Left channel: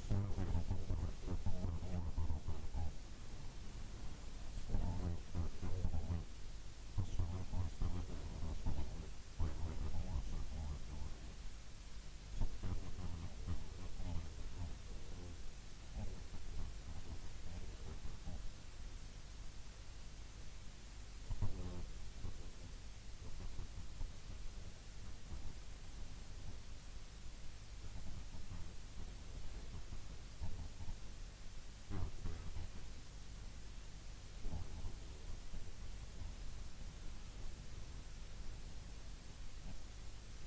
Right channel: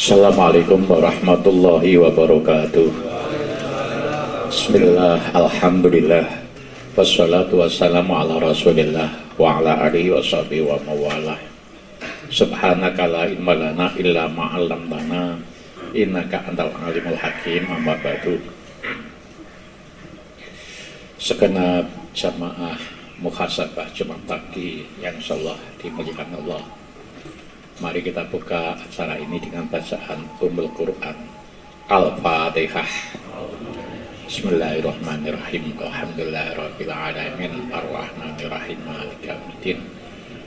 Assalamualaikum warahmatullahi wabarakatuh. Bismillah, alhamdulillah, wassalatu wassalamu ala rasulillah wa ala alihi wa sahbihi wa mawalah. Subhanaka la ilma lana illa ma'allamtana innaka antal alimul hakim. Amma ba'du. Segenap jamaah muhasabah Jumat pagi yang insyaallah dimuliakan Allah, mari kita buka acara ini dengan bacaan Ummul Quran Al-Fatihah. Bismillahirrahmanirrahim. Alhamdulillahirabbil alamin arrahmanirrahim maliki yaumiddin.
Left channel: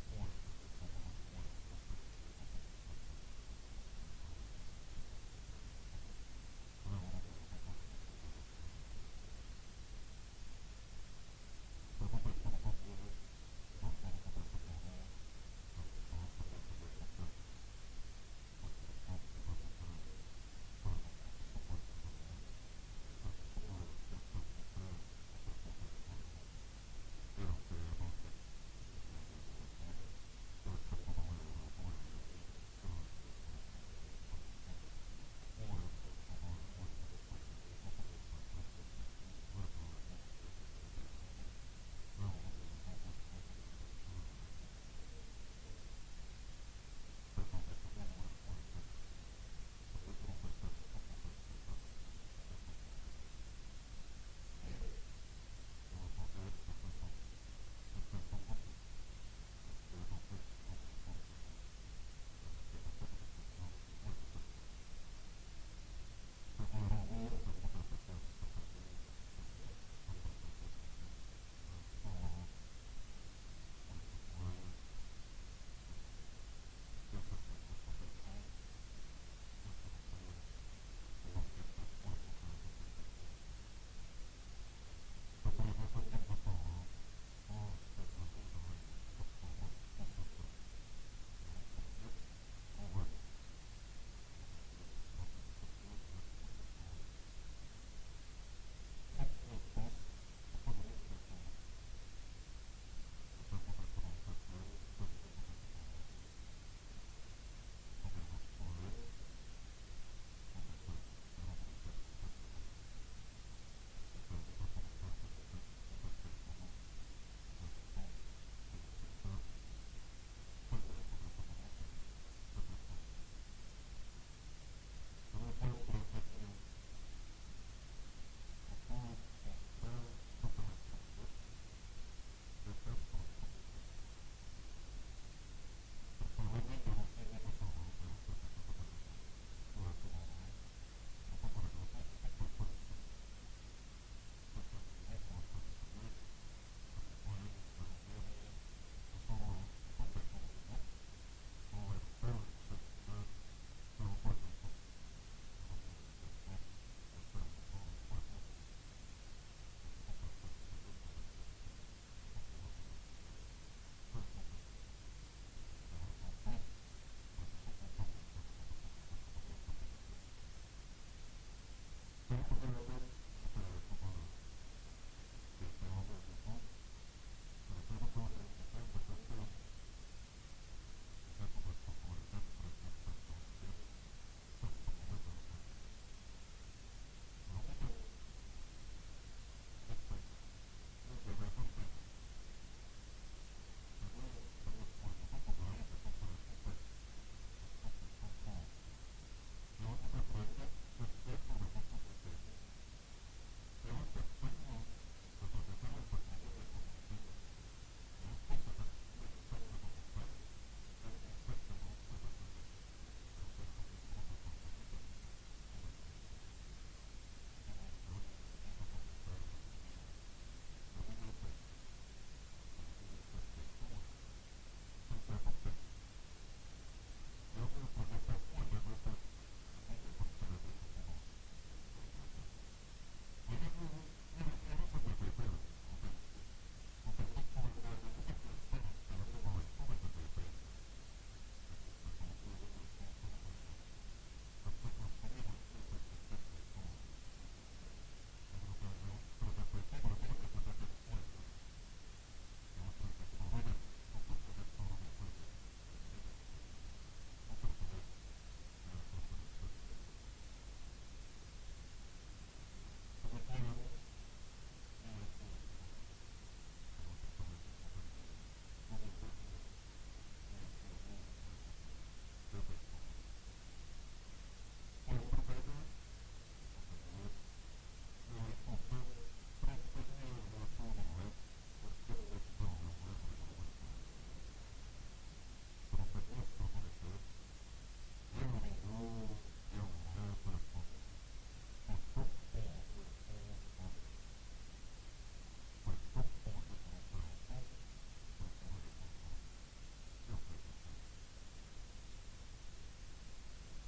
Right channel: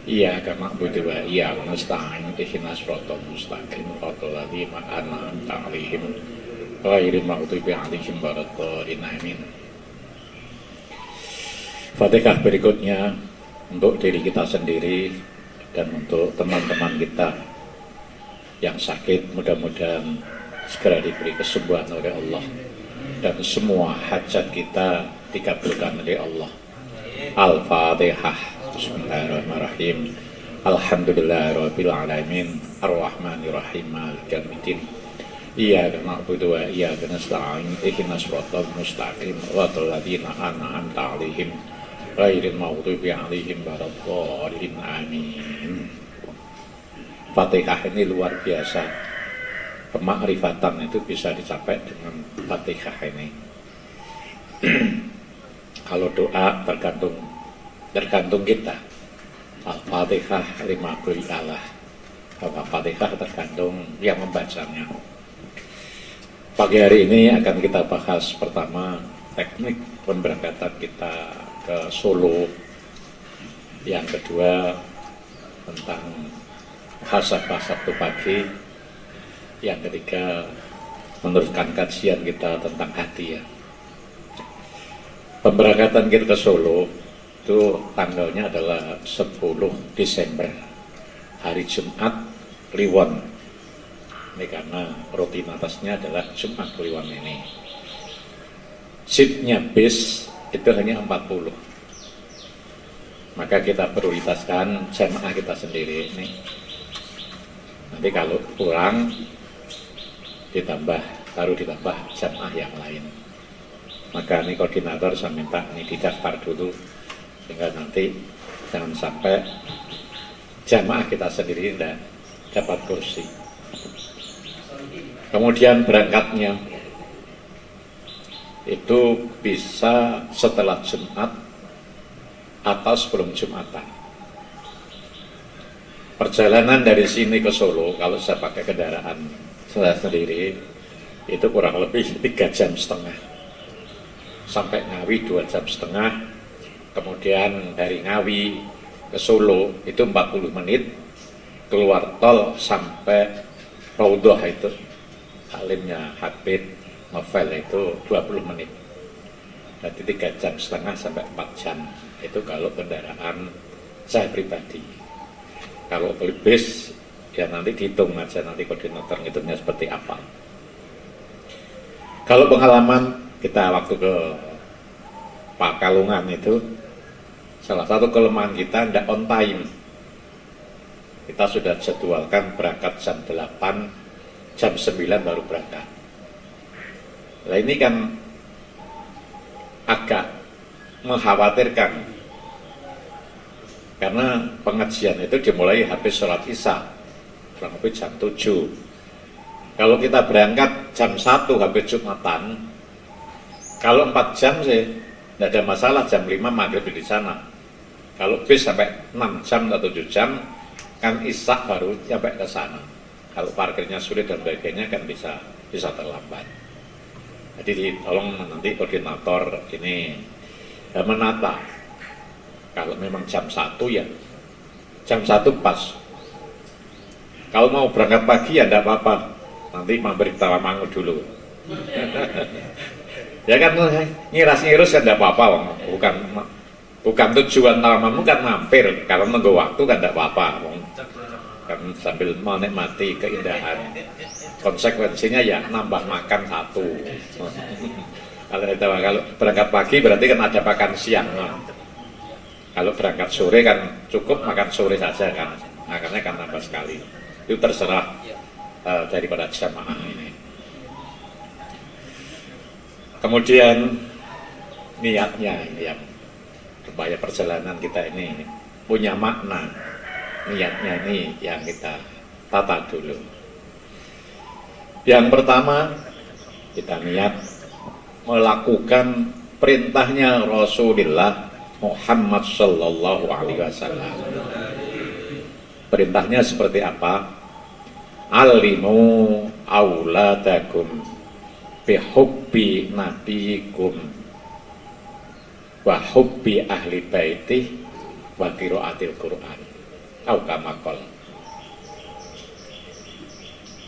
Iyyaka na'budu wa iyyaka nasta'in ihdinas siratal mustaqim siratal ladzina an'amta 'alaihim ghairil maghdubi 'alaihim waladdallin. Amin. Fatihah berikutnya untuk diri kita sendiri dan untuk teman-teman kita yang sakit, mudah-mudahan segera diberi kesembuhan oleh Allah dan semua hajat kita dikabulkan oleh Allah. Al-Fatihah. Bismillahirrahmanirrahim. Alhamdulillahirabbil alamin arrahmanirrahim maliki yaumiddin. Iyyaka na'budu wa iyyaka nasta'in ihdinas siratal mustaqim siratal ladzina an'amta 'alaihim ghairil maghdubi 'alaihim waladdallin. Amin. Fatihah ini luar biasa. Kemakrifatan itu bisa dicapai dengan Fatihah ini. Kalau doa tergantung kita. Al-Fatihah lima beri Allah. Al-Fatihah tergantung yang membacanya. Pagi hari ini akan kita bahas pertama teknik pemberangkatan kita ke Solo. Yang kedua tentang muhasabah Sabtu pagi. Yang ketiga meneruskan kajian kita tentang hati ya. Pemberangkatan kita ke Solo itu tanggalnya adalah 10 Desember, hari Jumat Kliwon. Ini karena rutinitasnya adalah Jumat Kliwon ini. Seatnya bis itu hanya 40. Maka kita prioritaskan jamaah kita sendiri ini. Nanti kalau pulang baru ditambah jamaah yang lain. Maka ini koordinator saya minta ini didaftar dulu sehingga nanti jangan sampai jamaah kita sendiri tidak dapat kursi. Kemudian berangkatnya itu bisa setelah Jumat atau sebelum Jumatan. Perjalanan dari sini ke Solo kalau saya pakai kendaraan saya sendiri itu kurang lebih 3,5 jam. Sampai Ngawi 2,5 jam. Kemudian dari Ngawi ke Solo itu 40 menit. Keluar tol sampai Raudhah itu alimnya Habib Novel itu 20 menit. Jadi 3,5 jam sampai 4 jam. Itu kalau kendaraan saya pribadi. Kalau beli bis ya nanti dihitung aja, nanti koordinator ngitungnya seperti apa. Kalau pengalaman kita waktu ke Pakalungan itu, salah satu kelemahan kita tidak on time. Kita sudah jadwalkan berangkat jam 8, jam 9 baru berangkat. Nah ini kan agak mengkhawatirkan karena pengajian itu dimulai habis sholat isya kurang lebih jam 7. Kalau kita berangkat jam 1 habis Jumatan, kalau 4 jam sih tidak ada masalah, jam 5 maghrib di sana. Kalau bis sampai 6 jam atau 7 jam kan isya baru sampai ke sana. Kalau parkirnya sulit dan sebagainya kan bisa terlambat. Jadi tolong nanti koordinator ini menata. Kalau memang jam 1 ya jam 1 pas. Kalau mau berangkat pagi ya tidak apa-apa, nanti mampir Tawamangu dulu. Ya kan ngiras-ngirus kan tidak apa-apa, bukan tujuan Tawamangu kan mampir, kalau nunggu waktu kan tidak apa-apa, kan sambil menikmati keindahan. Konsekuensinya ya nambah makan 1. Kalau berangkat pagi berarti kan ada makan siang. Kalau berangkat sore kan cukup makan sore saja kan, makannya kan tambah sekali. Itu terserah daripada jamaah ini. Kemudian niatnya ini yang supaya perjalanan kita ini punya makna. Niatnya ini yang kita tata dulu. Yang pertama, kita niat melakukan perintahnya Rasulullah Muhammad Sallallahu Alaihi Wasallam. Perintahnya seperti apa? Alimu auladakum bihubbi nabiyikum wa hubbi ahli baitih wa qiraatil Qur'an. Au kama qala.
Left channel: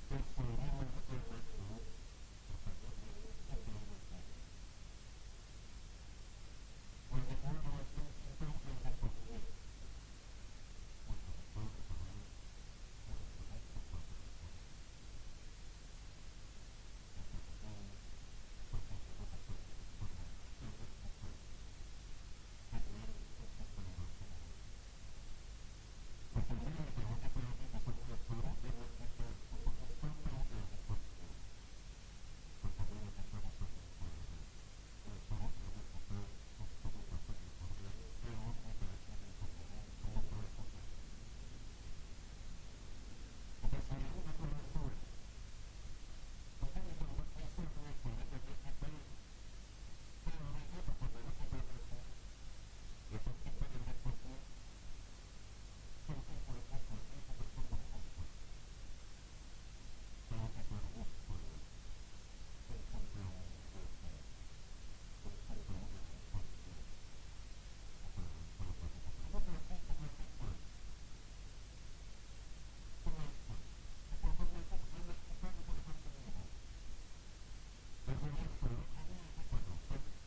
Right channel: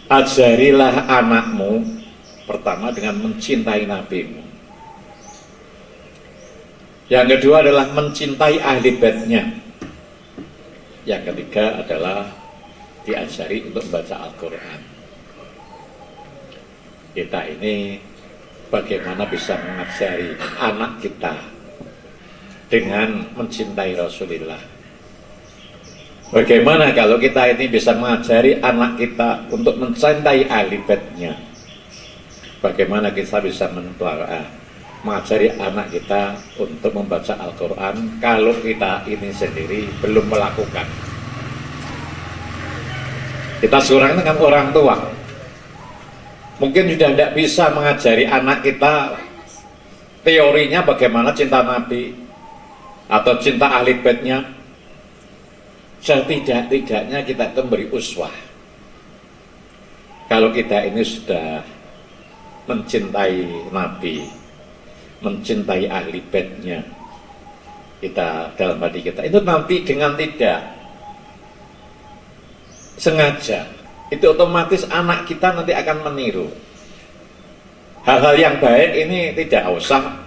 Ajarilah anakmu pertama dengan mencintai nabimu. Yang kedua adalah mencintai ahli baitnya. Yang ketiga adalah diajari untuk membaca Al-Quran. Kita ini bagaimana bisa mengajari anak kita dengan mencintai Rasulullah. Bagaimana kalau kita ini bisa mengajari anak kita untuk mencintai ahli baitnya? Bagaimana kita bisa mengajari anak kita untuk membaca Al-Quran kalau kita ini sendiri belum melakukan? Kita seorang dengan orang tua mungkin sudah tidak bisa mengajari anak kita teorinya bagaimana cinta Nabi atau cinta ahli baitnya. Setidak-tidaknya kita itu memberi uswah. Kalau kita ini sudah mencintai Nabi, mencintai ahli baitnya, kita dalam hati kita itu nanti dengan tidak sengaja itu otomatis anak kita nanti akan meniru. Hal-hal yang baik ini tidak usah,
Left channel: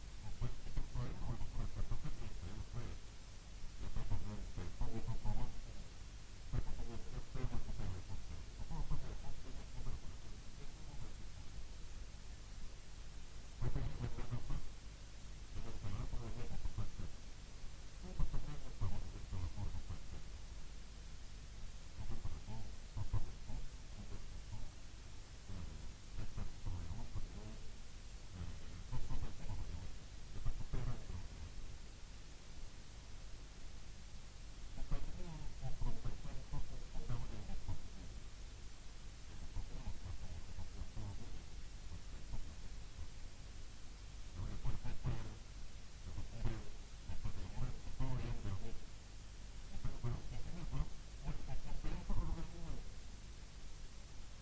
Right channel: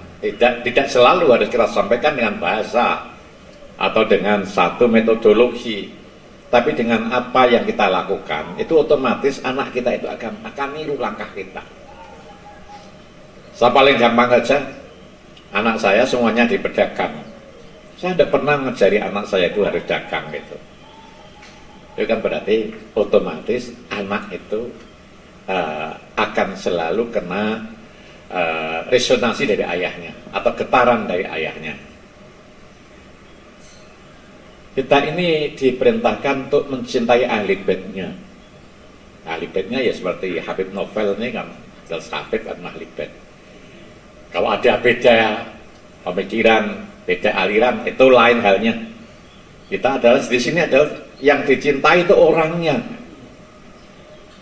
tidak selalu harus kita sampaikan dengan bahasa atau dengan satu metodologi, tapi dengan apa yang kita lakukan itu otomatis anak kita itu akan niru langkah kita. Saya paling gampang saja, anak saya semuanya di pedagang. Saya tidak pernah ngajari anak saya itu harus dagang gitu. Itu kan berarti otomatis anak itu akan selalu kena resonansi dari ayahnya atau getaran dari ayahnya. Kita ini diperintahkan untuk mencintai ahli baitnya. Ahli baitnya ya seperti Habib Novel ini kan, jelas Habib kan ahli bait. Kalau ada beda pemikiran, beda aliran, itu lain halnya. Kita adalah di sini adalah yang dicintai itu orangnya,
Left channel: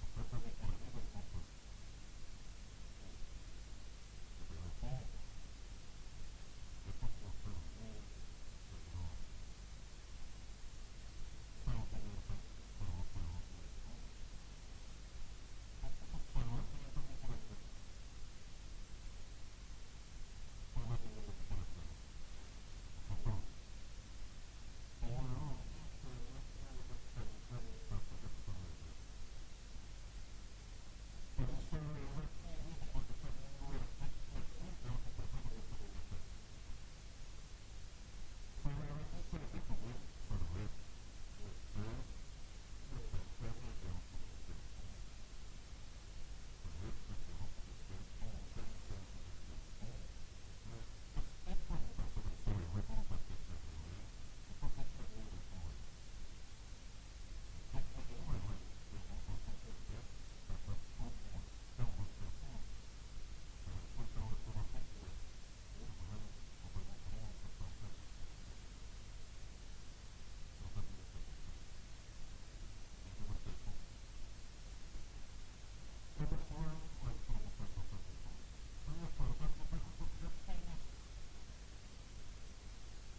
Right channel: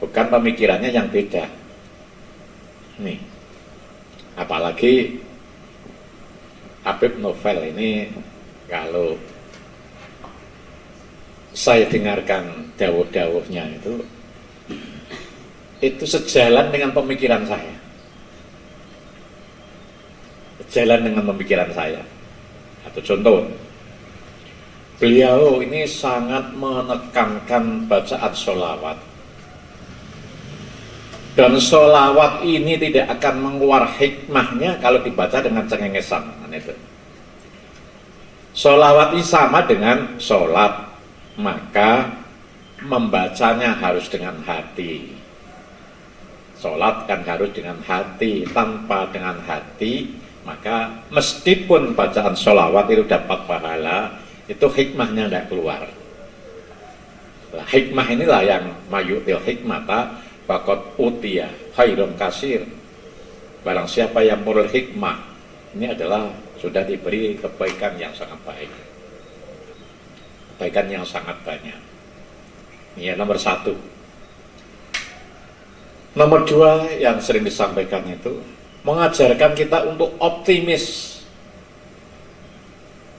bukan pemikirannya yang beda. Nih, apalagi Habib Novel ini kalau saya dengarkan dawuh-dawuhnya itu sejalan dengan pemikiran saya. Sejalan dengan pemikiran saya. Atau contoh, beliau ini sangat menekankan bacaan sholawat. Dan sholawat ini tidak akan mengeluar hikmahnya kalau dibaca dengan cengengesan. Sholawat ini sama dengan sholat, maka membacanya harus dengan hati. Sholat kan harus dengan hati. Tanpa dengan hati, maka meskipun bacaan sholawat itu dapat pahala, itu hikmahnya tidak keluar. Nah, hikmah inilah yang mayutil hikmata faqad utiya khairum kasir. Barang siapa yang merul hikmah, ini adalah sudah diberi kebaikan yang sangat baik. Kebaikan yang sangat banyak. Ini nomor satu. Nomor dua yang sering disampaikan itu mengajarkan kita untuk optimis.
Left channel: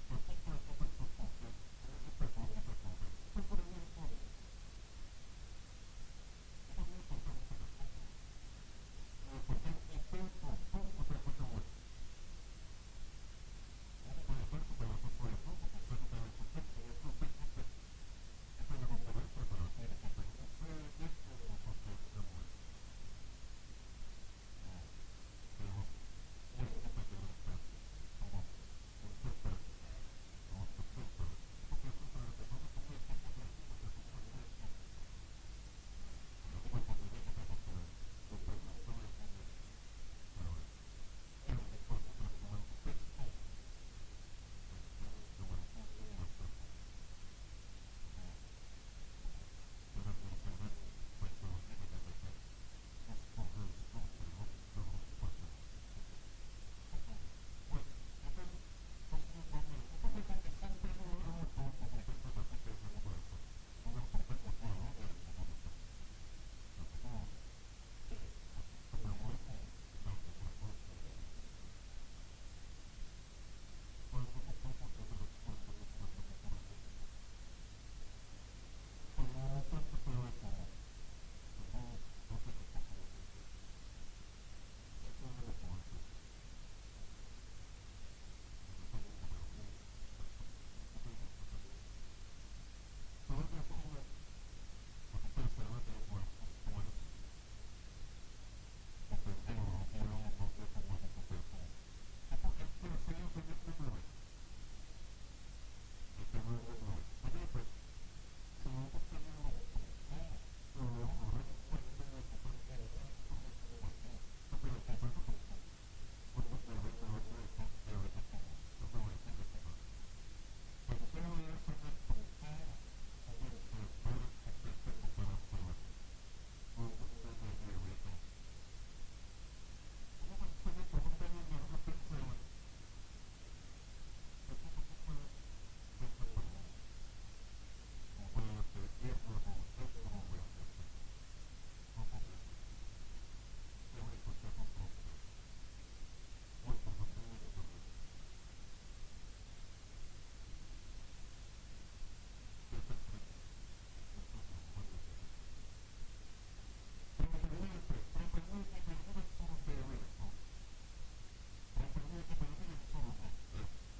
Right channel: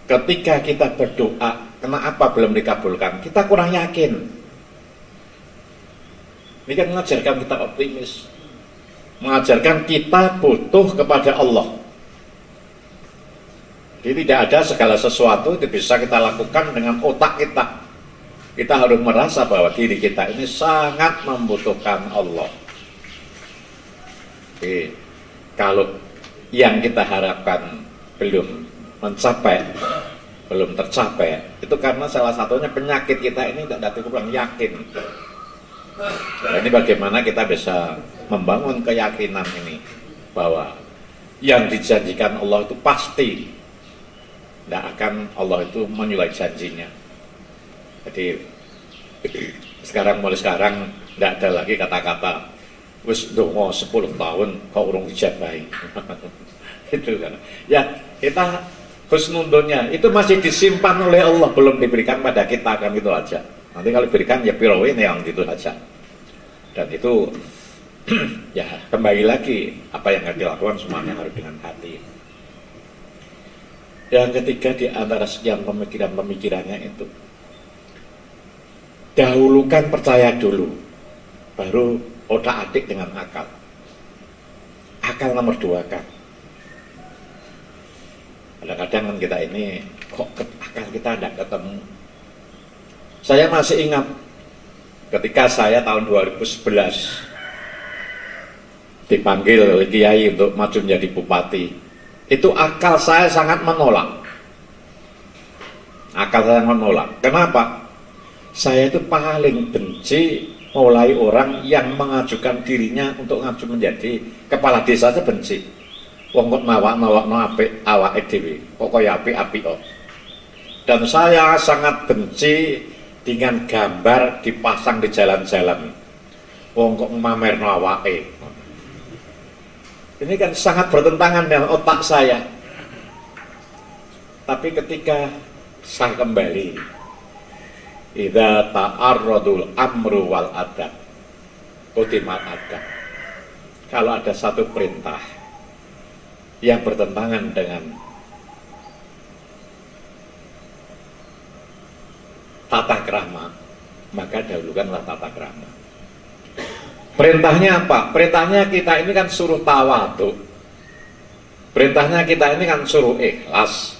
Ketika kita berdoa, kenapa belum dikabulkan? Kita kurang yakin. Ini kan mengajarkan kita optimis. Mengajarkan kita butuh kepada Allah. Jadi tidak ada segala sesuatu itu bisa kita lakukan dengan otak kita. Kita harus merasa bahwa diri kita ini sangat membutuhkan Allah. Jadi, kalau yang kita harapkan belum mencapai, belum tercapai, itu karena salah satunya penyakit kita ini tidak kurang yakin. Nah, ini bagaimana kita bisa membangun keyakinan ini bahwa yang dijanjikan Allah itu pasti tidak akan Allah itu menyulai janjinya. Jadi mulai sekarang tidak ada lagi kata-kata wis dongo 10 tahun kok urung dijabahi. Itu kan. Ya, kita husnudonnya itu masih disimpan oleh Allah, belum diberikan pada kita, kan itu aja. Nanti kalau diberikan ya pirawin yang itu saja. Dan itu ya kembali lagi apa yang harus dilakukan semuanya harus dengan hati. Yang ketiga di antara sekian pemikirannya itu, dahulukan percaya dulu, baru otak atik dengan akal. Akal nomor 2 kan. Kadang-kadang kan kita ini kok akal kita tidak ketemu. Saya masih ingat ketika saya tahun 2011 dipanggil oleh Kiai untuk maju menjadi bupati, itu akal saya sangat menolak. Akal saya menolak. Kenapa? Saya itu paling benci mulai orang yang mengajukan dirinya untuk maju menjadi kepala desa, saya benci. Wong kok nawak-nawakno apik awake dhewe, pokoke apik-apik kok. Dan saya sangat benci dengan gambar dipasang di jalan-jalan. Wong kok mamerno awake. Ini kan sangat bertentangan dengan otak saya. Tapi ketika saya kembali, idza ta'arradul amru wal adab, qutimal adab. Kalau ada satu perintah yang bertentangan dengan tata krama, maka dahulukanlah tata krama. Perintahnya apa? Perintahnya kita ini kan suruh tawadhu. Perintahnya kita ini kan suruh ikhlas.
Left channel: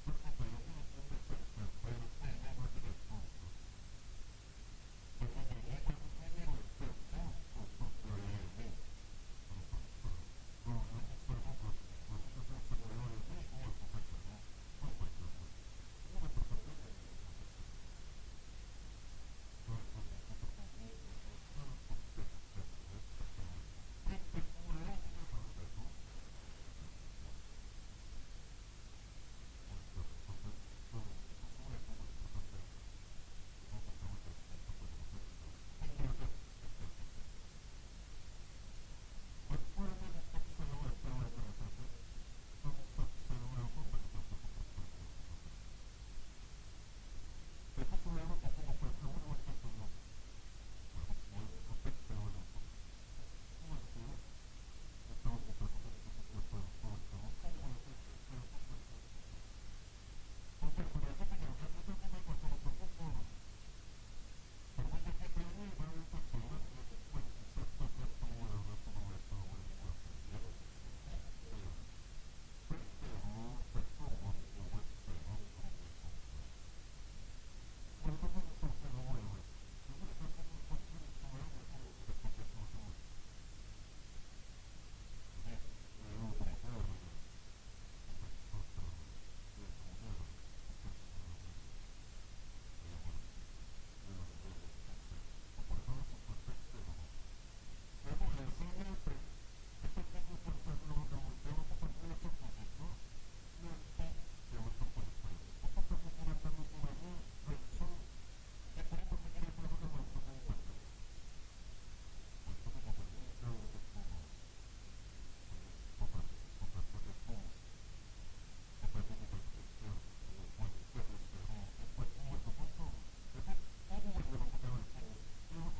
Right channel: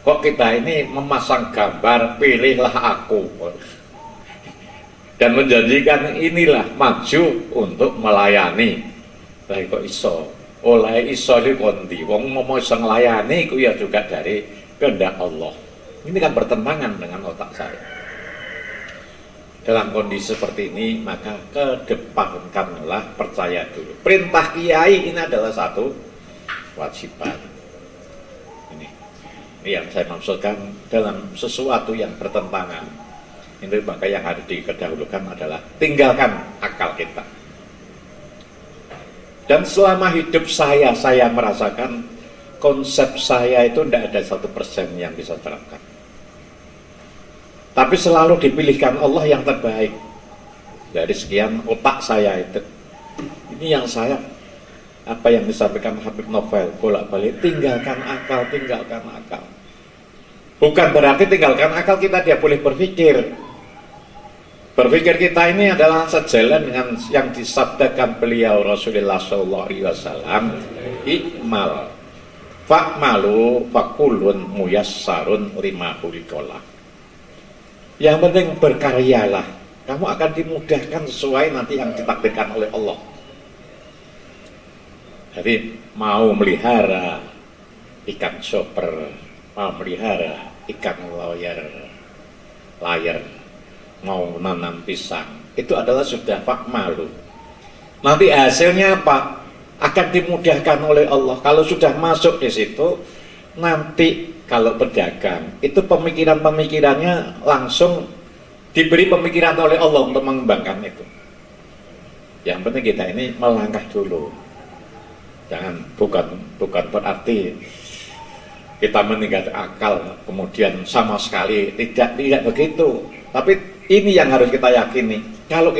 Kok kita ini memasang gambar pilihlah aku dan menjanjikan inilah maju untuk melayani. Lah kok iso? Oleh iso iki kondi. Wong mau iso nglayani iku ya juga dari kehendak Allah. Ini kan bertentangan dengan otak saya. Dalam kondisi seperti ini, maka kedepankanlah percaya dulu. Perintah kiai ini adalah satu kewajiban. Ini yang saya maksudkan dalam sesuatu yang bertentangan. Ini maka yang harus didahulukan adalah tinggalkan akal kita. Dan selama hidup saya merasakan konsep saya itu tidak ada 1% yang bisa terapkan. Tapi selalu dipilihkan Allah yang terbaik. Dari sekian otak saya itu. Ini yang saya, apa yang disampaikan Habib Novel, bolak-balik, tinggalkan akal, tinggalkan akal. Bukan berarti tinggalkan akal kita dia boleh berpikir. Berpikir kita ini adalah sejalan dengan yang disabdakan beliau Rasulullah SAW. Ikmal, fa'malu, fakulun, muyassarun, lima hulikolah. Yang penting berkaryalah, kamu akan dimudahkan sesuai nanti yang ditakdirkan oleh Allah. Jadi mau melihara ikan chopper, mau melihara ikan layar, mau nanam pisang, itu adalah sudah fakmalu. Nanti hasilnya apa? Akan dimudahkan oleh Allah. Kalau sudah masuk di situ, nanti kalau pedagang itu pemikirannya langsung diberi pemikiran oleh Allah untuk mengembangkan itu. Yang penting kita ini melangkah dulu. Jangan bukan berarti kita meninggalkan akal kemudian sama sekali tidak begitu. Tapi ini yang harus kita yakini. Kalau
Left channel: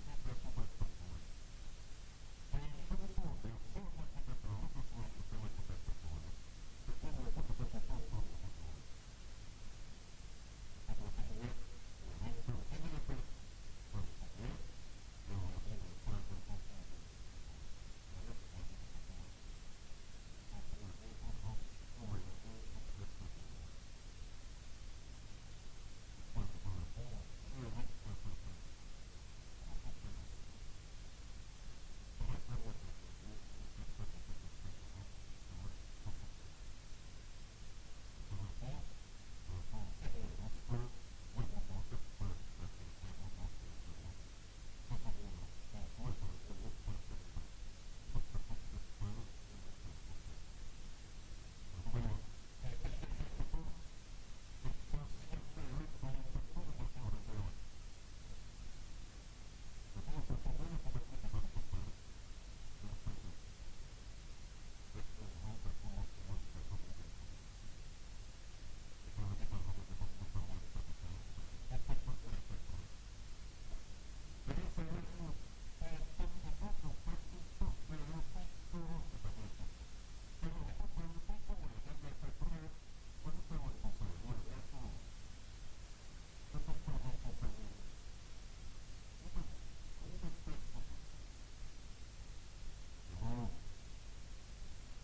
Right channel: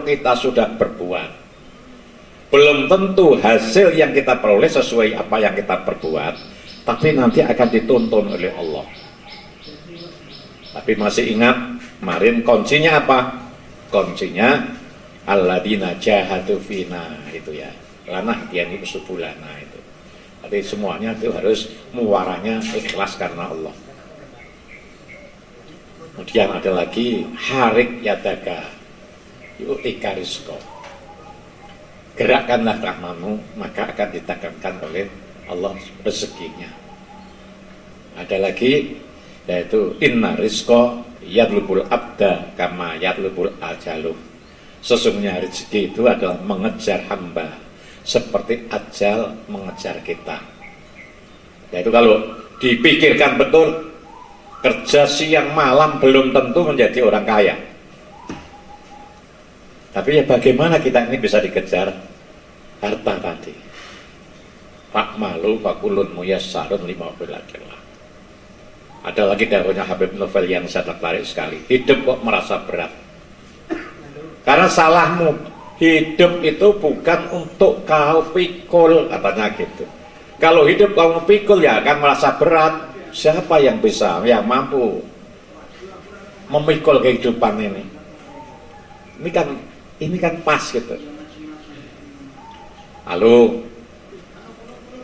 kita sudah berbuat, belum tentu hasil yang kita peroleh sesuai apa yang kita perbuat. Tapi nanti akan dituntun oleh Allah. Tapi masih ingat kemarin kuncinya apa? Kuncinya alladzina jahadu fina, itu ya. Lana hadiani usubulana itu. Tapi semuanya itu harus muaranya ikhlas karena Allah. Kemudian ada lagi harik yadaka yu'tika rizqa. Gerakkanlah tanganmu, maka akan ditegakkan oleh Allah rezekinya. Ada lagi yaitu inna rizqa yadlubul abda kama yadlubul ajaluh. Sesungguhnya rezeki itu adalah mengejar hamba, seperti ajal mengejar kita. Yaitu kalau dipikirkan betul, kerja siang malam belum tentu menjadi orang kaya. Tapi ya bagaimana kita ini bisa dikejar harta tadi? Pak malu fakulun muyassarun lima bilakillah. Ada lagi dahulunya Habib Novel yang saya tertarik sekali. Hidup kok merasa berat. Karena salahmu, hidup itu bukan untuk kau pikul, katanya gitu. Kalau hidup kamu pikul ya akan merasa berat. Siapa yang bisa, yang mampu memikul kehidupan ini? Ini kan pas gitu. Lalu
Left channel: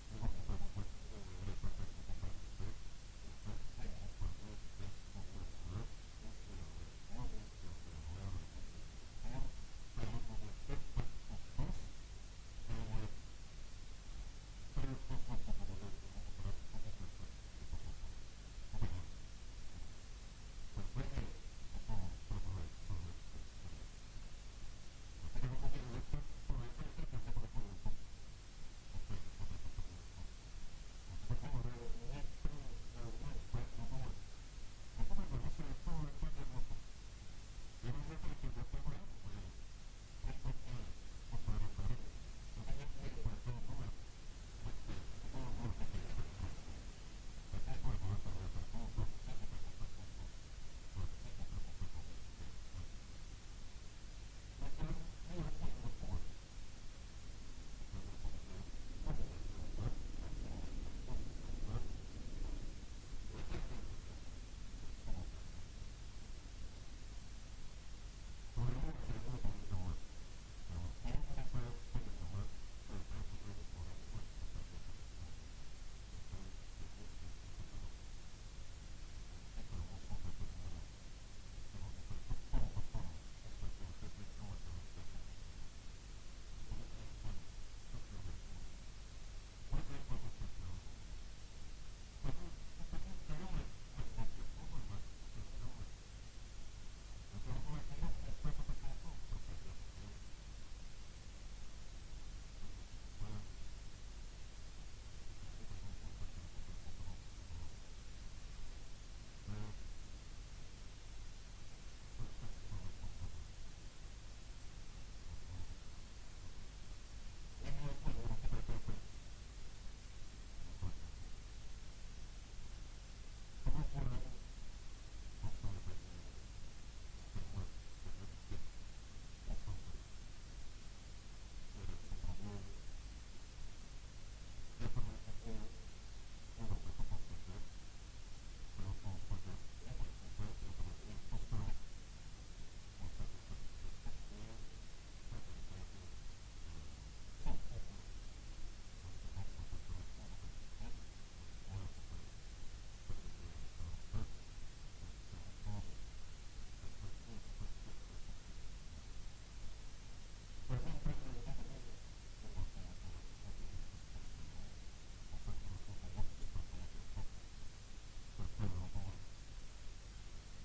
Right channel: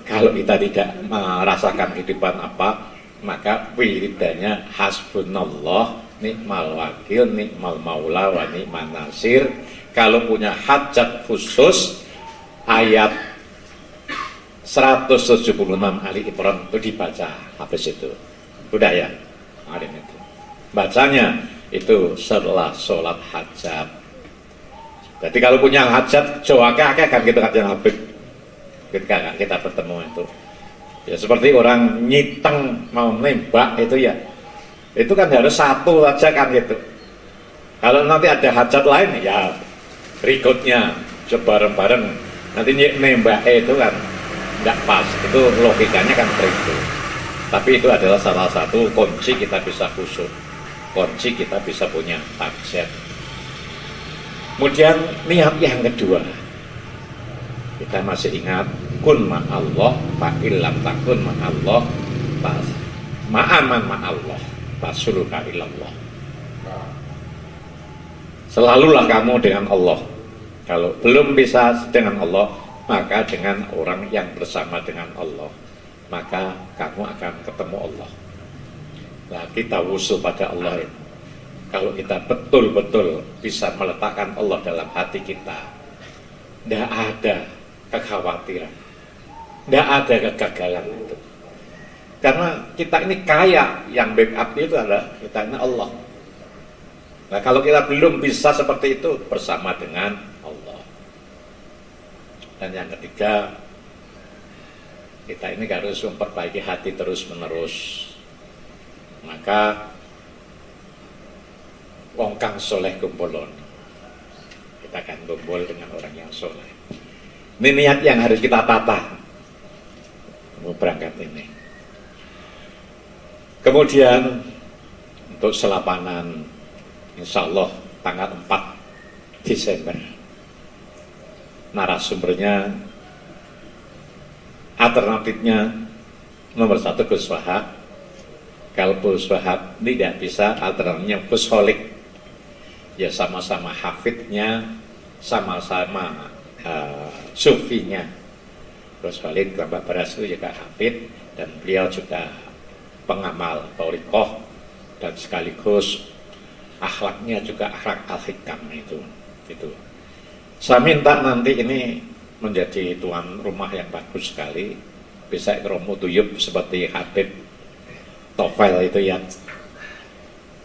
kalau kita tidak merasakan kehidupan apa, maka wiridanya hasbunallah nikmal wakil, nikmal maula, wa ni'man nasir. Kalau punya hajat khusus, ayat 176 Ali Imran itu dibaca habis itu. Udah ya, kemarin itu. Bacanya itu setelah sholat hajat. Jadi kalau punya hajat, jawaka kan gitu katanya Habib. Ketika kita bertemu itu. Ya seperti orang nyiteng mau nembak itu ya. Itu kan harus satu aja kan gitu. Kalau nanti ada hajat lain ya berikutnya coba bareng-bareng. Nanti nembak itu kan tidak pas. Itu logikanya kan begitu. Tapi itu adalah salah satu kunci kita bisa khusyuk. Kunci kita bisa punya hajat. Kemudian niat yang kedua. Kita masih ingat kun ma'allah fa'illam takun ma'allah ma'aman ma'allah fasuluka ilallah. Selalulah kamu dengan Allah. Kalau belum bisa dengan Allah, maka dengan orang yang bersama dengan Allah, maka kamu akan ketemu Allah. Nah, kita wusul pada Allah itu. Kalau kita betul-betul bisa meletakkan Allah dalam hati kita, tidak ada kekhawatiran, tidak ada kegagalan itu. Karena kita ini kaya, yang backup itu adalah kita ini Allah. Nah kalau kita belum bisa seperti itu, bersama dengan Allah. Dan yang ketiga, kita ini harus memperbaiki hati terus menerus. Maka wong kang soleh kumpulon, kita akan kumpul dengan orang yang soleh. Ini niat yang harus kita tata mau berangkat ini. Kemudian untuk selapanan, insya Allah tanggal 4 Desember. Narasumbernya, alternatifnya nomor 1 Gus Wahab. Kalau Gus Wahab tidak bisa, alternatifnya Gus Holik. Ya sama-sama hafidnya, sama-sama sufinya. Gus Holik Mbak Barasu juga hafid, dan beliau juga pengamal thariqah, dan sekaligus akhlaknya juga akhlak al-hikam itu. Saya minta nanti ini menjadi tuan rumah yang bagus sekali, bisa ikromu tuyub seperti Habib Tofel itu ya.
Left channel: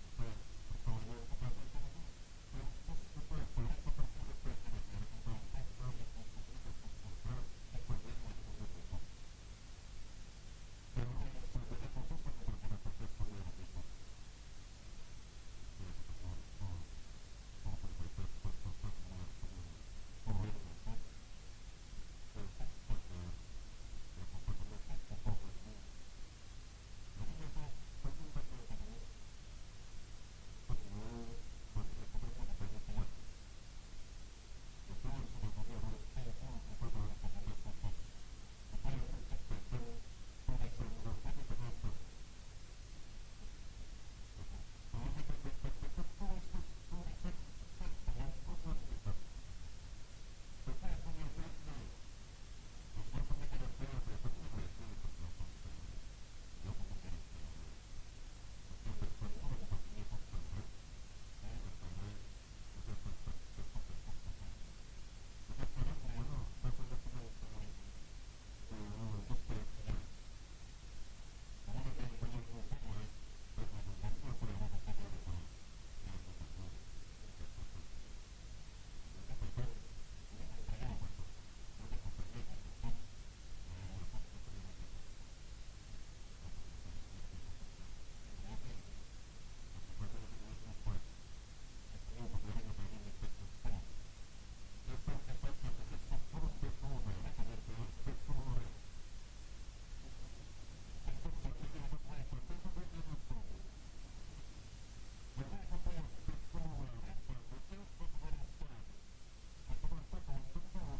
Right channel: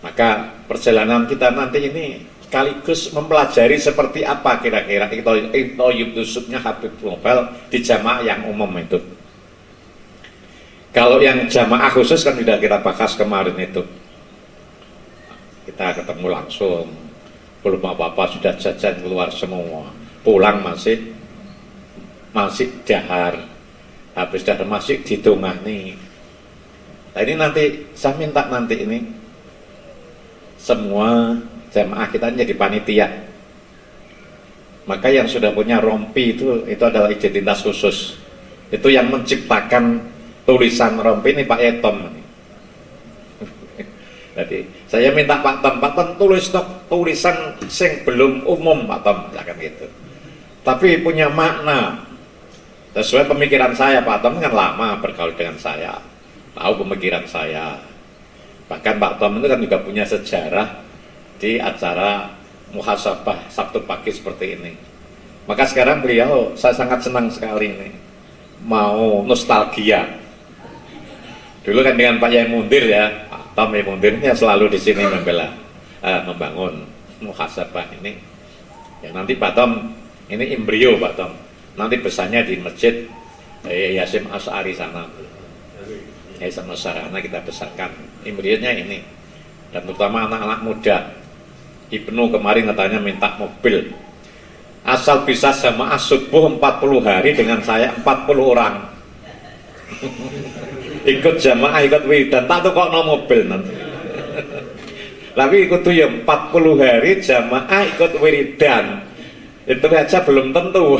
Maka perjalanan kita nanti ini sekaligus mempelajari seperti apa kira-kira iktoyub tusubnya Habib Tofel di jamaah yang umum itu. Kalau yang jamaah khusus kan sudah kita bahas kemarin itu. Kita ketemu langsung, belum apa-apa sudah jajan keluar semua, pulang masih dahar, habis dahar masih didongani. Nah ini nanti saya minta nanti ini semua jamaah kita jadi panitia. Maka yang sudah punya rompi itu adalah identitas khusus. Itu yang menciptakan tulisan rompi ini Pak Etom. Jadi saya minta Pak Tom tulis tulisan sing belum umum Pak Tom, akan gitu. Tapi punya makna sesuai pemikiran saya. Pak Tom kan lama bergaul dengan saya, tahu pemikiran saya. Bahkan Pak Tom itu kan juga punya sejarah di acara muhasabah Sabtu pagi seperti ini. Maka sekarang beliau, saya sangat senang sekali ini mau nostalgia. Dulu kan dengan Pak Yai Mundir ya, Pak Tom Yai Mundir ini selalu di sini membangun muhasabah ini. Ya, nanti Pak Tom, ini embrio Pak Tom, nanti besarnya di masjid Yasim Asy'ari sana. Yasim Asy'ari kita besarkan. Embrionya ini. Dan terutama anak-anak muda. Ibnu kemarin katanya minta mobil. Asal bisa jamaah subuh 40 hari dengan saya 40 orang. Ikut jamaah, ikut wiridan, tak tuh kok no mobil nanti. Tapi ikut tuh ya 40 hari jamaah ikut wiridan. Itu aja belum tentu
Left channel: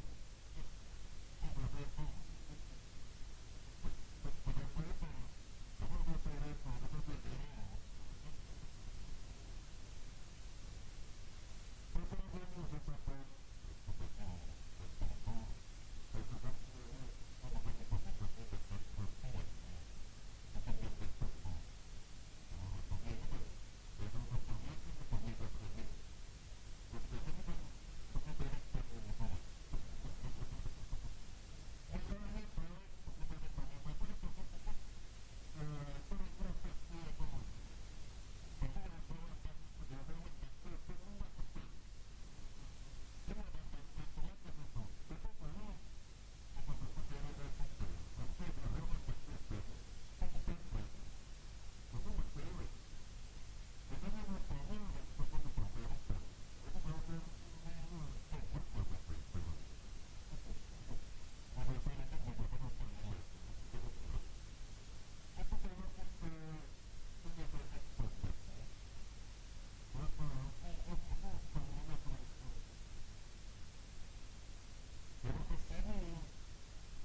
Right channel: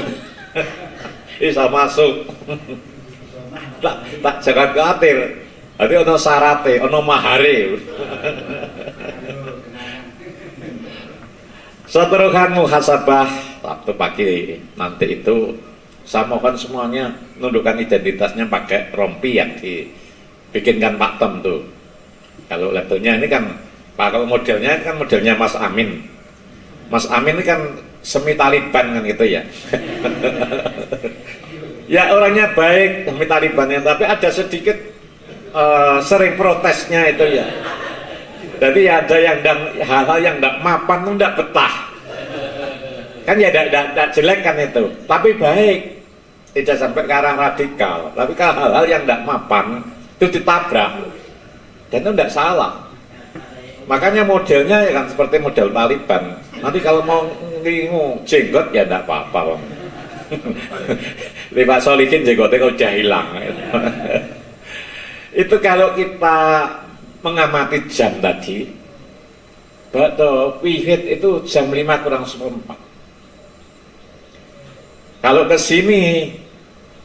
bisa masuk. tak jangan khawatir. Nanti ono syaratnya, ono mahare. Seterukan muhasabah waktu pagi nanti itu saya mohon semuanya nundukkan identitasnya pakai rompi yang dibikinkan Pak Tom tuh. Kalau labelnya ini kan kalau modelnya kan modelnya Mas Amin. Mas Amin ini kan semi Taliban kan gitu ya. Ya orangnya baik semi Talibannya, tapi ada sedikit sering protesnya itu ya. Jadi ada yang hal-hal yang tidak mapan itu tidak betah. Kan ya tidak jelek kan itu, tapi baik. Tidak sampai ke arah radikal, tapi kalau hal-hal yang tidak mapan itu ditabrak. Dan itu tidak salah. Makanya modelnya ya kan seperti model Taliban. Nanti kalau mau ngingu jenggot ya tidak apa-apa. Pak Solihin jenggotnya udah hilang. Itu kalau kita mengamati jam tadi, bakto wihid itu jam 5 kurang 1/4. Kalau ke sini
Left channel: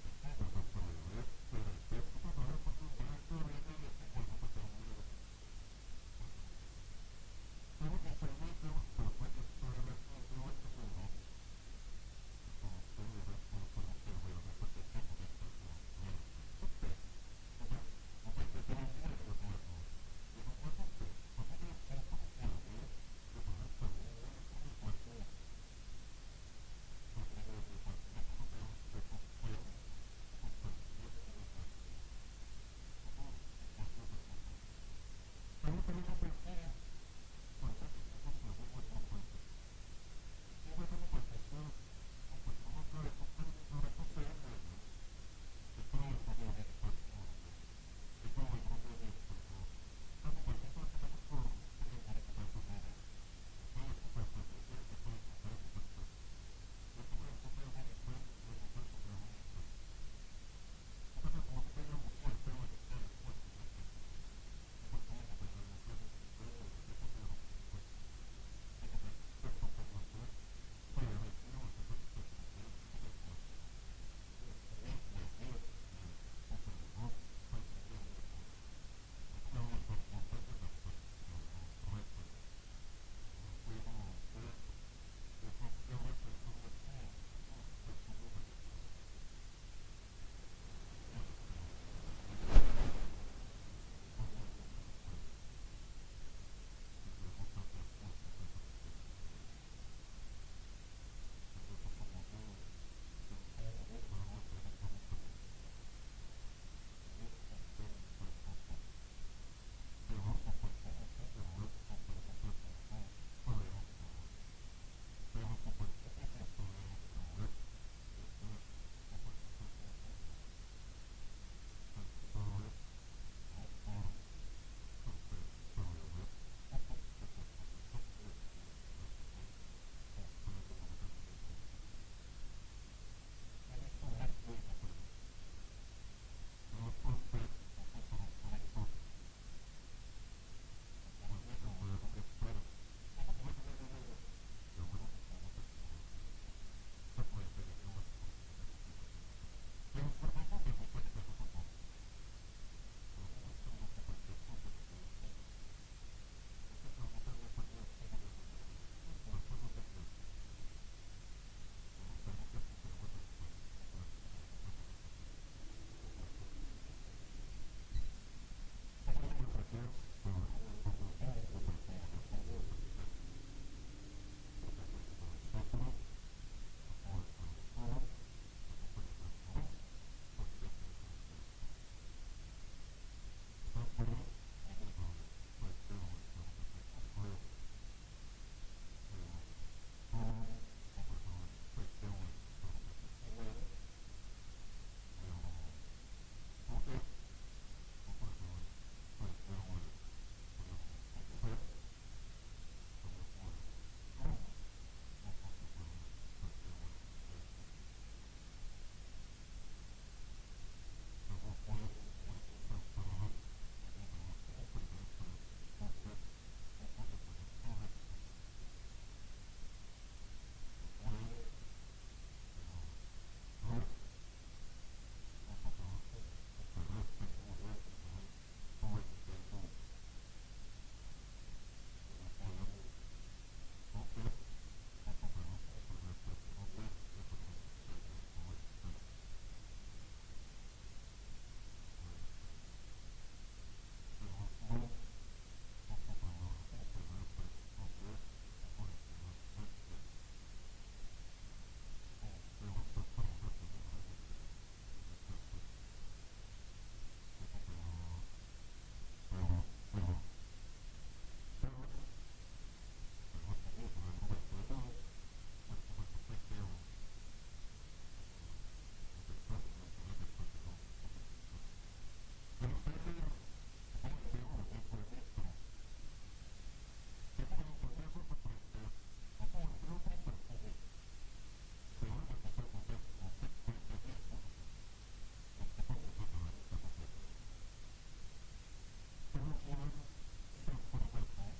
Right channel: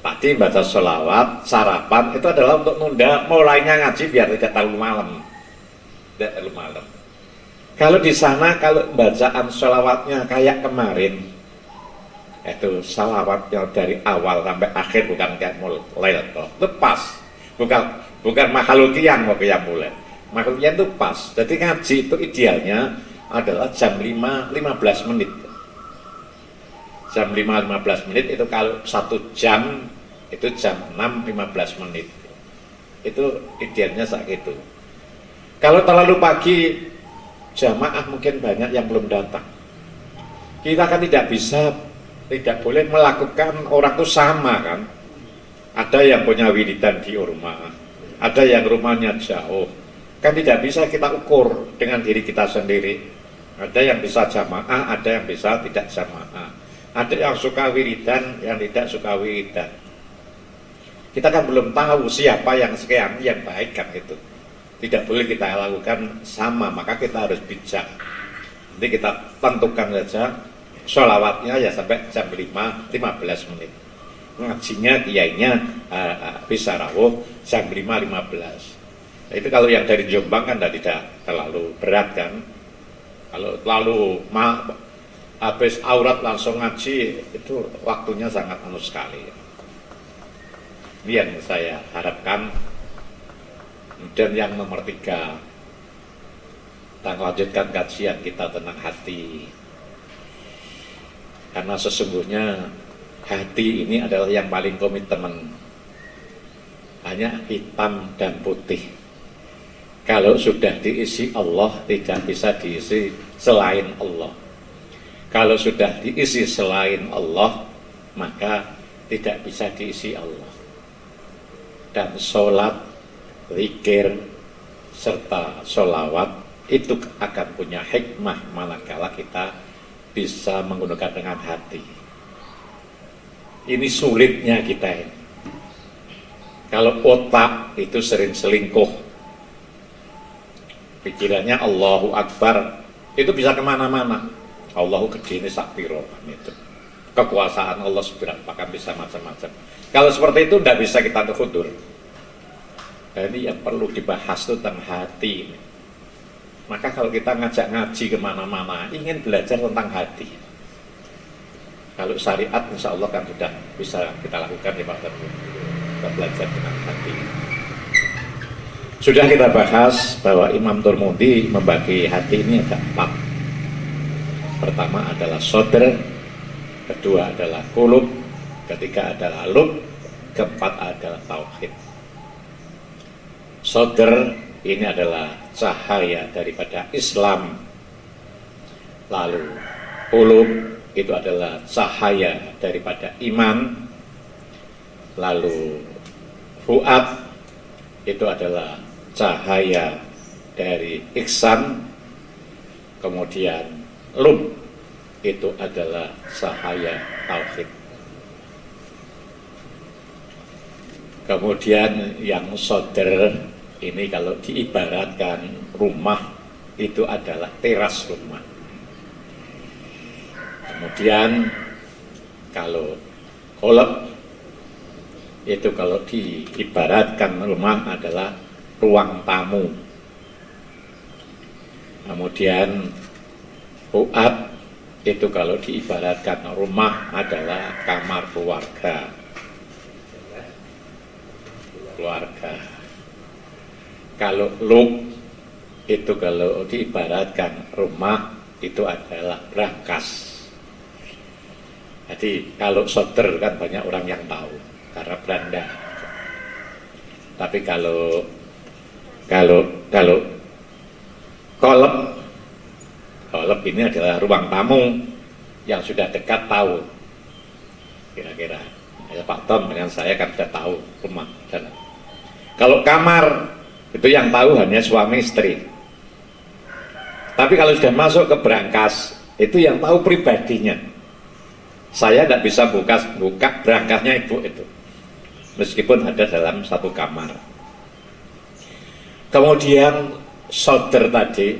tadi baca sholawat, sarapan itu adalah untuk nunda mulainya ngaji biar tidak terlalu malam. Tidak terlalu malam. Kalau di sana kalau bacaan sholawatnya kayak kemarin, itu sholawatnya dari awal sampai akhir bukan kayak mulai lepas, bukan makhlukiyang mau kayak mulai. Makhlukiyang itu pas. Jadi ngaji itu idealnya adalah jam 5:15 menit. Jam 5:15 menit itu kalau 1 jam itu jam 6:15 menit. Itu idealnya saat itu. Kalau terlalu pagi jamaah mungkin banyak yang belum datang. Kita kan tidak boleh melakukan orang itu sama kan. Ada yang punya wiridan di rumah, ada yang rumahnya jauh. Kan tidak bisa kita ukur dengan diri kita sendiri. Ada yang bisa jamaah, ada yang bisa tidak jamaah. Ada yang suka wiridan, yang tidak suka wiridan. Kita kan belum tahu siapa yang sekian yang baik kan itu. Tidak boleh kita lakukan sama, maka kita harus bijak. Nanti kita tentukan saja sholawatnya ya sampai jam 5:15 menit. Ngajinya, kiainya bisa rawuh jam 5:15. Nah, itu kalau yang dari Jombang kan tidak terlalu berat kan. Kalau terlalu habis aurat langsung ngaji itu waktunya sangat sekali. Ini yang saya harapkan. Dan yang nomor 3, kita lanjutkan kajian kita tentang hati. Karena sesungguhnya hati ini adalah yang paling komitmen. Hanya hitam dan putih. Kalau sudah diisi Allah, tidak bisa diisi selain Allah. Kalau sudah diisi selain Allah, maka tidak bisa diisi Allah. Dan sholat, zikir, serta sholawat itu akan punya hikmah manakala kita bisa menggunakan dengan hati. Ini sulitnya kita ini. Kalau otak itu sering selingkuh, pikirannya Allahu Akbar, itu bisa kemana-mana. Allahu gede ini sakpiro itu. Kekuasaan Allah seberapa kan bisa macam-macam. Kalau seperti itu tidak bisa kita terkudur. Nah, ini yang perlu dibahas itu tentang hati ini. Maka kalau kita ngajak ngaji kemana-mana, ingin belajar tentang hati. Kalau syariat insya Allah kan sudah bisa kita lakukan ya Pak Teguh. Kita belajar tentang hati. Sudah kita bahas bahwa Imam Turmudi membagi hati ini ada 4. Pertama adalah sodr, kedua adalah kulub, ketiga adalah lub, keempat adalah tauhid. Sodr ini adalah cahaya daripada Islam. Lalu kulub itu adalah cahaya daripada iman. Lalu fuad itu adalah cahaya dari ihsan. Kemudian lub itu adalah cahaya tauhid. Kemudian yang sodr ini kalau diibaratkan rumah itu adalah teras rumah. Kemudian kalau kolab itu kalau diibaratkan rumah adalah ruang tamu. Kemudian fuad itu kalau diibaratkan rumah adalah kamar keluarga. Kalau lub itu kalau diibaratkan rumah itu adalah brankas. Jadi kalau sodr kan banyak orang yang tahu karena Belanda. Tapi kalau kolab ini adalah ruang tamu yang sudah dekat tahu. Kira-kira ya, Pak Tom dengan saya kan sudah tahu rumah. Kalau kamar itu yang tahu hanya suami istri. Tapi kalau sudah masuk ke brankas itu yang tahu pribadinya. Saya tidak bisa buka brangasnya ibu itu, meskipun ada dalam satu kamar. Kemudian sodr tadi,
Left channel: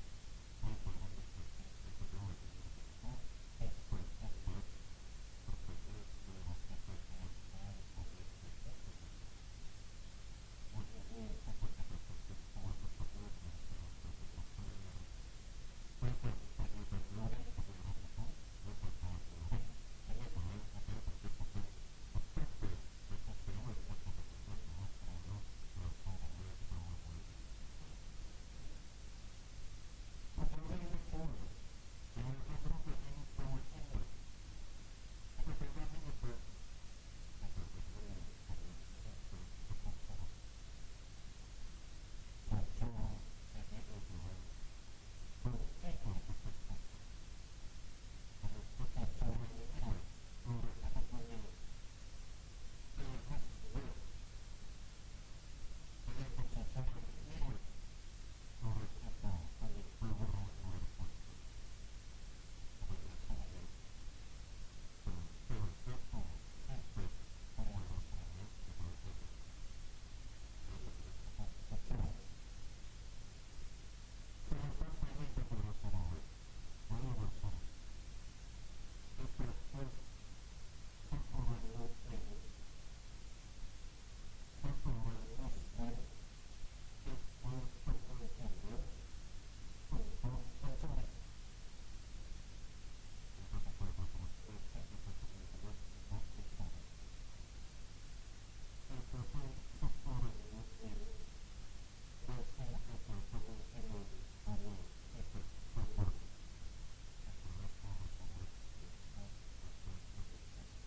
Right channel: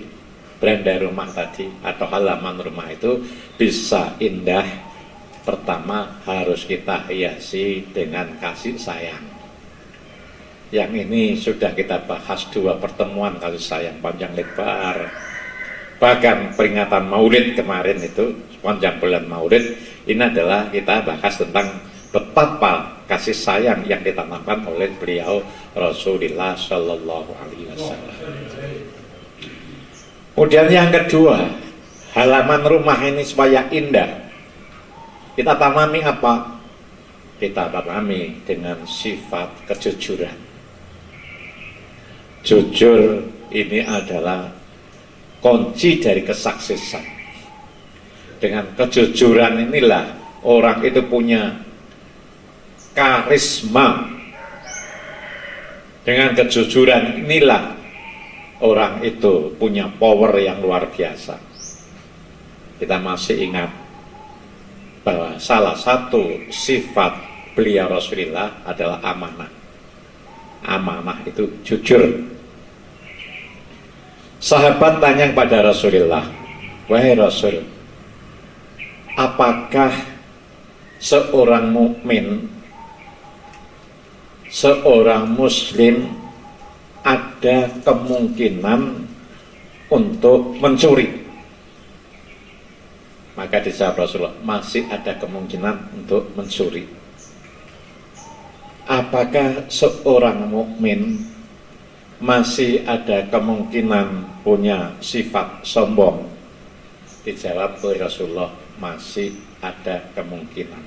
beranda rumah tadi atau halaman rumah itu bisa indah. Pertama harus kita hiasi dengan kasih sayang. Yang ini sudah kita bahas 2 pertemuan kasih sayang panjang lebar. Bahkan peringatan Maulid kemarin itu, sepanjang bulan Maulid, ini adalah kita bahas tentang betapa kasih sayang yang ditanamkan oleh beliau Rasulullah Shallallahu Alaihi Wasallam. Kemudian yang kedua, halaman rumah ini supaya indah, kita tanami apa? Kita tanami dengan sifat kejujuran. Jujur ini adalah kunci dari kesuksesan. Dengan kejujuran inilah orang itu punya karisma. Dengan kejujuran inilah orang itu punya power yang luar biasa. Kita masih ingat bahwa salah satu sifat beliau Rasulullah adalah amanah. Amanah itu jujur. Sahabat tanya kepada Rasulullah, wahai Rasul, apakah seorang mukmin, seorang muslim ada kemungkinan untuk mencuri? Maka dijawab Rasulullah, masih ada kemungkinan untuk mencuri. Apakah seorang mukmin masih ada kemungkinan punya sifat sombong? Dijawab oleh Rasulullah, masih ada kemungkinan.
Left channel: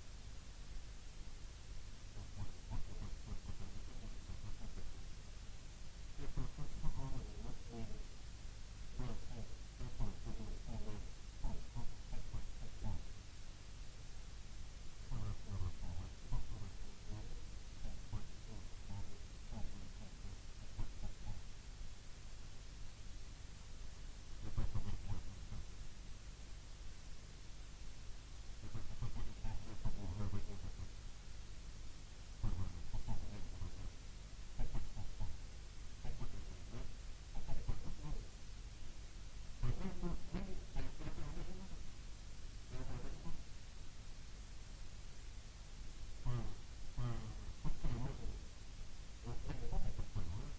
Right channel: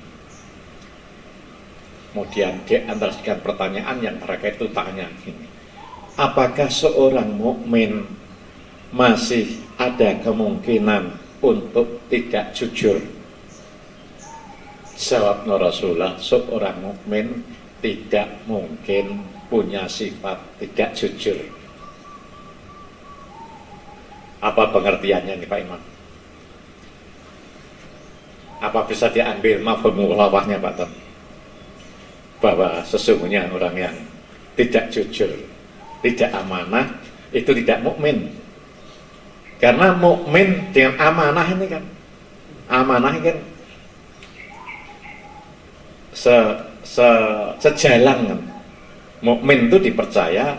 Kemudian di antara sekian pertanyaan yang mereka itu tanya ini, apakah seorang mukmin masih ada kemungkinan untuk tidak jujur? Jawab Rasulullah, seorang mukmin tidak mungkin punya sifat tidak jujur. Apa pengertiannya nih Pak Imam? Apa bisa diambil mafhum mukhalafahnya Pak Tom? Bahwa sesungguhnya orang yang tidak jujur, tidak amanah, itu tidak mukmin. Karena mukmin dengan amanah ini kan, amanah ini kan sejalan kan. Mukmin itu dipercaya,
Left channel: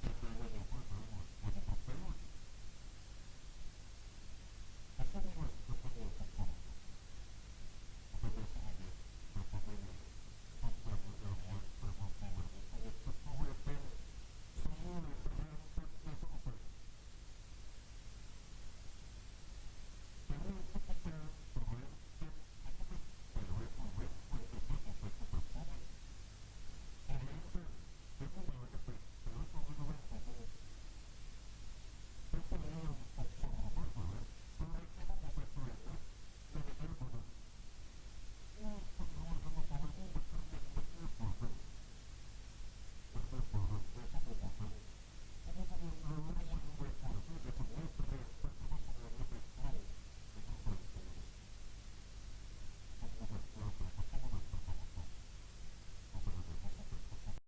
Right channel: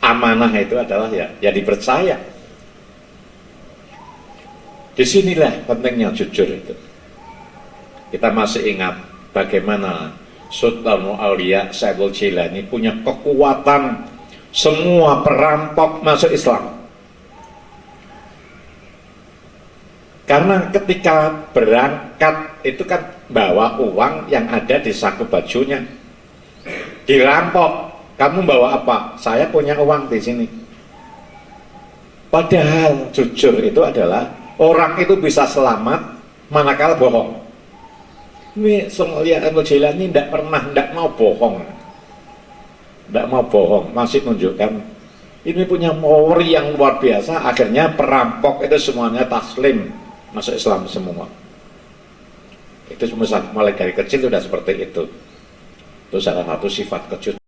amanah itu adalah ya dipercaya. Disinilah pentingnya jujur itu. Kita masih ingat bagaimana Sultanul Aulia Sayyidul Jilani punya kekuatan semua perampok masuk Islam. Karena ketika berangkat itu kan bawa uang yang ada di saku bajunya. Dirampok, kamu bawa apa? Saya punya uang di sini. Padahal jujur itu adalah orang itu bisa selamat manakala bohong. Ini Syekhul Jailani tidak mau bohong, tidak mau bohong, masih menunjukkan ini punya power yang luar biasa. Akhirnya perampok itu semuanya taslim, masuk Islam semua. Itu mulai dari kecil sudah seperti itu. Itu salah satu sifat kejutan